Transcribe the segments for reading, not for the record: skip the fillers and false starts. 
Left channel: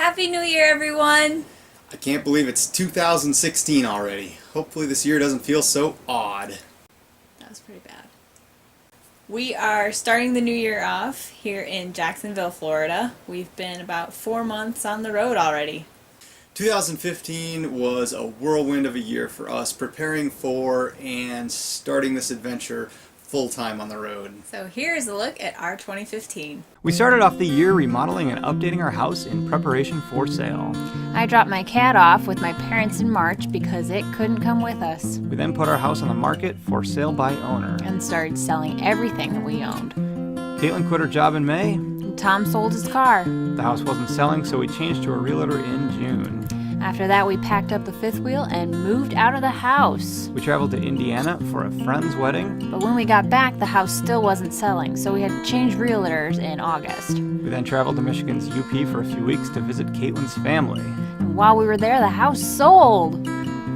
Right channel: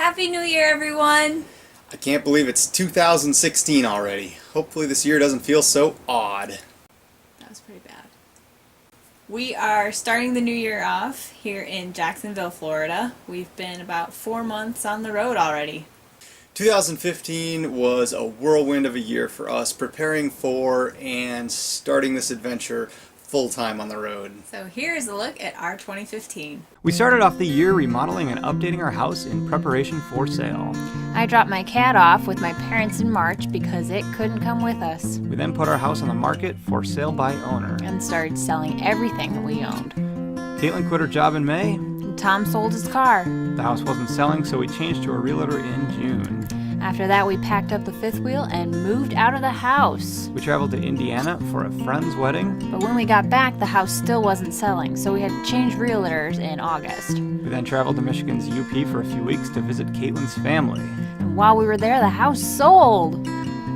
Happy New Year, everyone! I can't believe it's 2016 already. Hopefully this year doesn't feel so odd. That was pretty bad. We are starting the new year off here in Jacksonville, Florida. We've been about 4 months on the road already. 2015 was a whirlwind of a year for us, preparing for and starting this adventure full-time on the road. So here's a look at our 2015. We started off the year remodeling and updating our house in preparation for sale. I dropped my cat off with my parents in March because it couldn't come with us. We then put our house on the market for sale by owner. And started selling everything that we owned. Caitlin quit her job in May. And Tom sold his car. The house wasn't selling, so we changed to a realtor in June. After that, we packed up the fifth wheel and moved out of the house. We traveled to Indiana for a friend's wedding. But when we got back, the house still wasn't selling, so we had to change realtors in August. We then traveled to Michigan's UP for a few weeks to visit Caitlin's family. And while we were there, the house sold.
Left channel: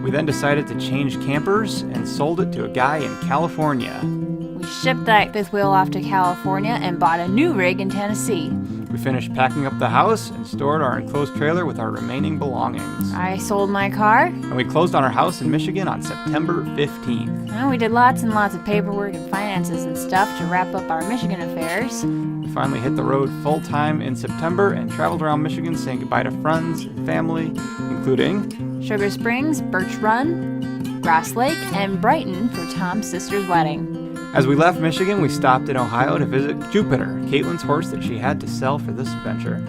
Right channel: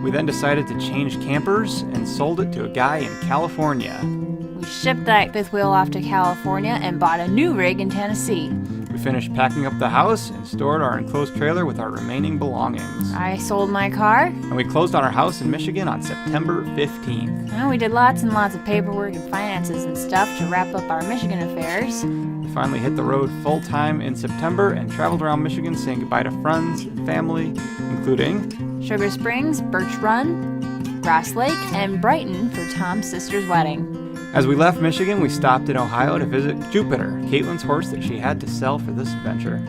We then decided to change campers and sold it to a guy in California. We shipped that fifth wheel off to California and bought a new rig in Tennessee. We finished packing up the house and stored our enclosed trailer with our remaining belongings. I sold my car. And we closed on our house in Michigan on September 15th. And we did lots and lots of paperwork and finances and stuff to wrap up our Michigan affairs. We finally hit the road full-time in September and traveled around Michigan saying goodbye to friends and family, including Sugar Springs, Birch Run, Grass Lake, and Brighton for Tom's sister's wedding. As we left Michigan, we stopped in Ohio to visit Jupiter, Caitlin's horse that she had to sell for this venture.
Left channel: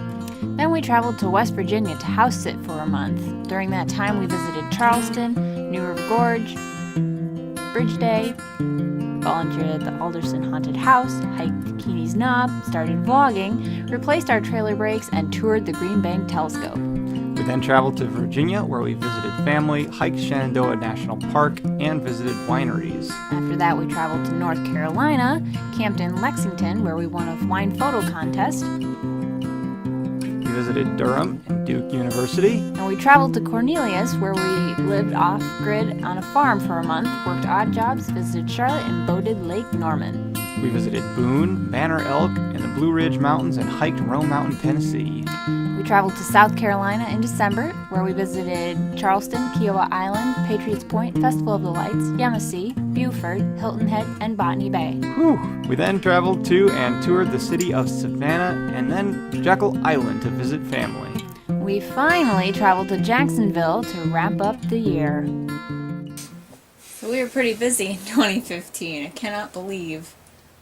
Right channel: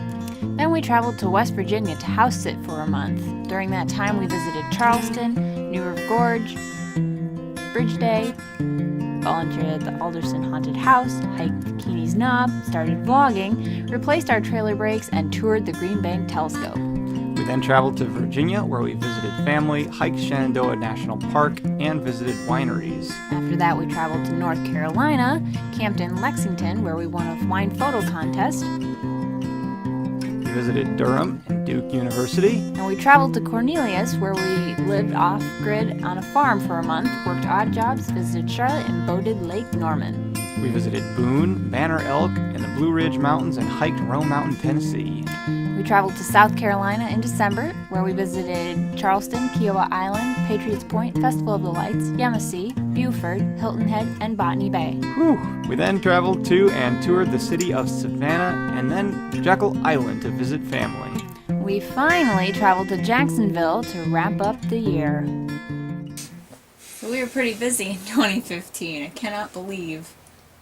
Then we traveled to West Virginia to house sit for a month. During that time, we visited Charleston, New River Gorge, Bridge Day, volunteered at the Alderson Haunted House, hiked Keeney's Knob, started vlogging, replaced our trailer brakes, and toured the Green Bank Telescope. We then traveled to Virginia, where we visited family, hiked Shenandoah National Park, and visited wineries. After that, we traveled to North Carolina, camped in Lexington, where we won a wine photo contest. We visited Durham and Duke University. And we traveled to Cornelius, where we lived off-grid on a farm for a month, worked odd jobs, visited Charlotte, and boated Lake Norman. We visited Boone, Banner Elk, and the Blue Ridge Mountains, and hiked Rome Mountain, Tennessee. We traveled to South Carolina in December, where we visited Charleston, Kiowa Island, Patriots Point, Festival of the Lights, Yamasee, Buford, Hilton Head, and Botany Bay. Whew. We then traveled to and toured the city of Savannah and then Jekyll Island to visit family. We finally traveled to Jacksonville to wrap up the year. So we were pretty busy in 2015. I cannot believe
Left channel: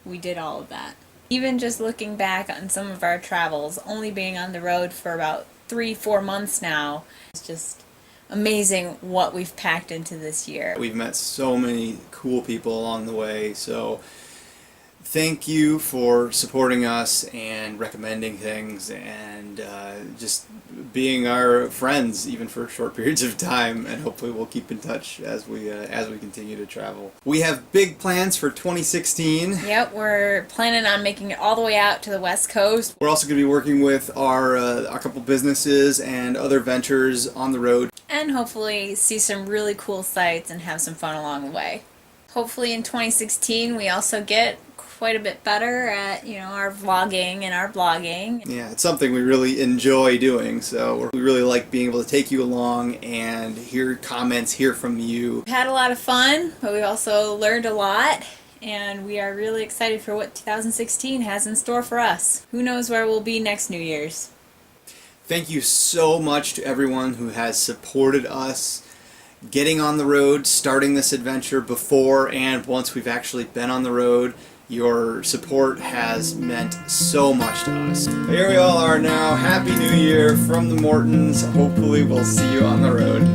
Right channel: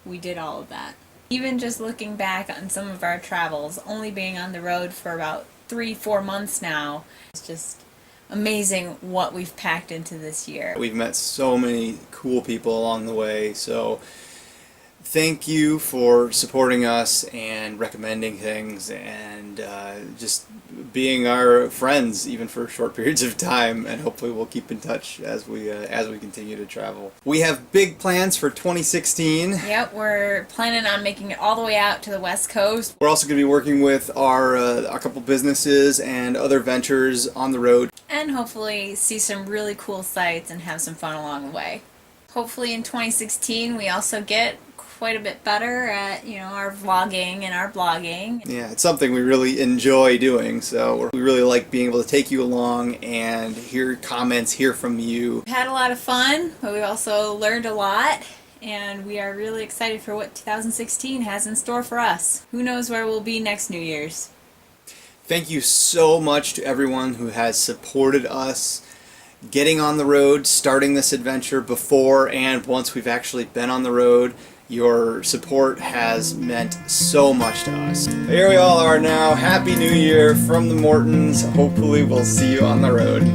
we did all of that. Even just looking back on some of our travels, only being on the road for about 3-4 months now, it's just amazing what we've packed into this year. We've met so many cool people along the way, so thank you for supporting us and recommending things and just being our friends even for short periods of time, and hopefully we'll keep in touch as we continue to travel. We have big plans for 2016. Yep, we're planning on making it all the way out to the West Coast. We're also going to be working with our couple businesses and other ventures on the road. And hopefully see some really cool sights and have some fun along the way. Hopefully in 2016 we also get quite a bit better at, our vlogging and our blogging. Yeah, it's something we really enjoy doing, so we really like being able to take you along and hear comments, hear from you. We've had a lot of fun, but we also learned a lot, and we are really excited for what 2016 has in store for us. Who knows where we'll be next New Year's. Thank you so much to everyone who has supported us getting on the road, starting this adventure before and once we've actually been on the road. Your support has meant so much to us. Here we all are now. Happy New Year from the Mortons. Hopefully we'll see you on the road.